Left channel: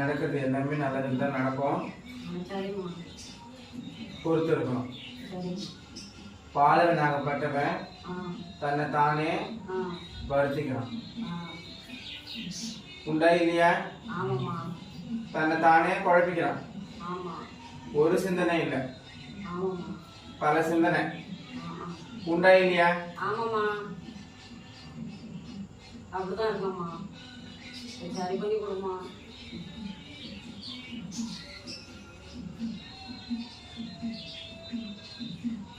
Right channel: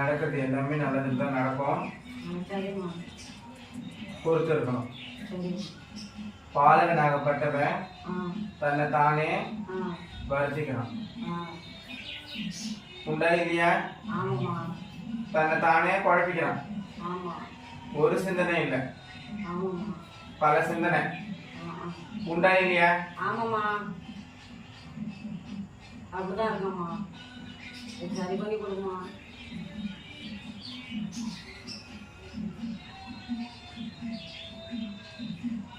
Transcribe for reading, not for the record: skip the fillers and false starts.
நடக்கிறது எல்லாமே நல்லதுக்கு தான் நடக்கும். பொறுத்து இருக்கணும். பாலகனாகப்பட்டவன் தன்னை தானே வருத்திக்கணும். உண்டா இல்லையா? தன்னை தானே குழப்பிக்கிறான். ஒரு சிந்தனை இல்லை, பல சிந்தனை. உண்டா இல்லையா? அப்படிதான் இருக்கம்மா. சரி பண்ணி கொடுமா.